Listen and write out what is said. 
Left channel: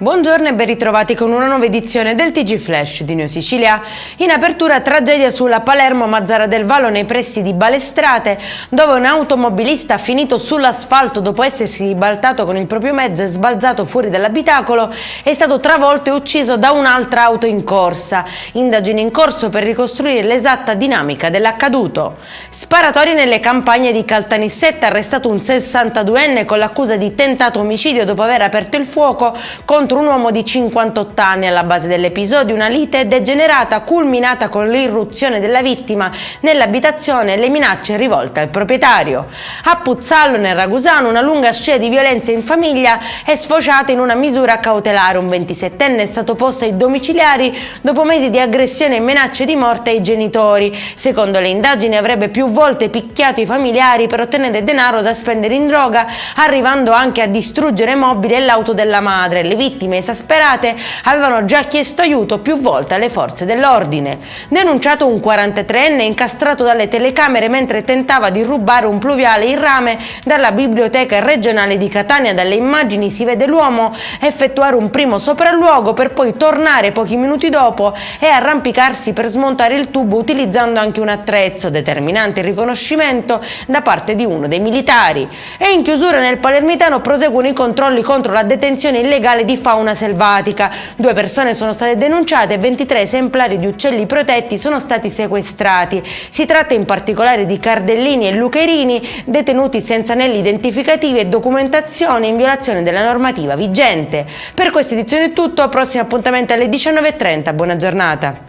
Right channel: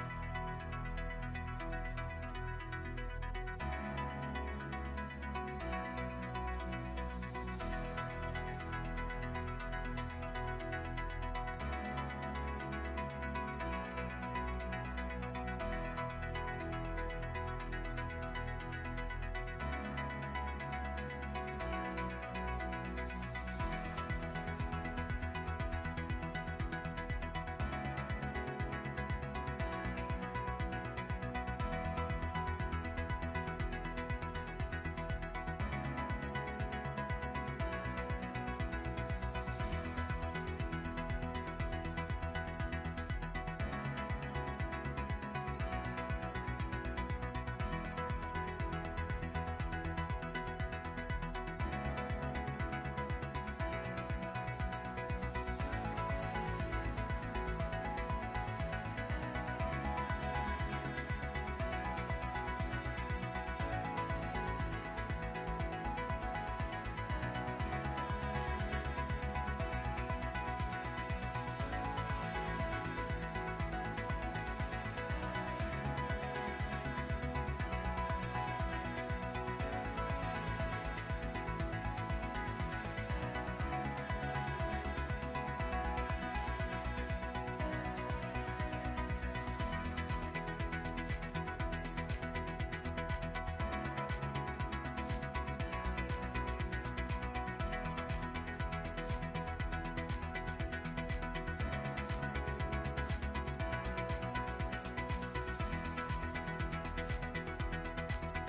Buongiorno e ben ritrovati con una nuova edizione del TG Flash di Neo Sicilia. In apertura tragedia sulla Palermo-Mazzara del Vallo nei pressi di Balestrate, dove un automobilista ha finito sull'asfalto dopo essersi ribaltato con il proprio mezzo e sbalzato fuori dall'abitacolo, è stato travolto e ucciso da un'altra auto in corsa. Indagini in corso per ricostruire l'esatta dinamica dell'accaduto. Sparatori nelle campagne di Caltanissetta, arrestato un 62enne con l'accusa di tentato omicidio dopo aver aperto il fuoco contro un uomo di 58 anni. Alla base dell'episodio una lite degenerata culminata con l'irruzione della vittima nell'abitazione e le minacce rivolte al proprietario. A Puzzallo, nel Ragusano, una lunga scia di violenza in famiglia è sfociata in una misura cautelare. Un 27enne è stato posto ai domiciliari dopo mesi di aggressione e minacce di morte ai genitori. Secondo le indagini avrebbe più volte picchiato i familiari per ottenere denaro da spendere in droga, arrivando anche a distruggere mobili e l'auto della madre. Le vittime esasperate avevano già chiesto aiuto più volte alle forze dell'ordine. Denunciato un 43enne incastrato dalle telecamere mentre tentava di rubare un pluviale in rame dalla biblioteca regionale di Catania. Dalle immagini si vede l'uomo effettuare un primo sopralluogo per poi tornare pochi minuti dopo e arrampicarsi per smontare il tubo utilizzando anche un attrezzo, determinante il riconoscimento da parte di uno dei militari. E in chiusura nel Palermitano proseguono i controlli contro la detenzione illegale di fauna selvatica. 2 persone sono state denunciate e 23 esemplari di uccelli protetti sono stati sequestrati. Si tratta in particolare di cardellini e lucherini detenuti senza anelli identificativi e documentazione in violazione della normativa vigente. Per questa edizione è tutto, prossimo appuntamento alle 19:30, buona giornata.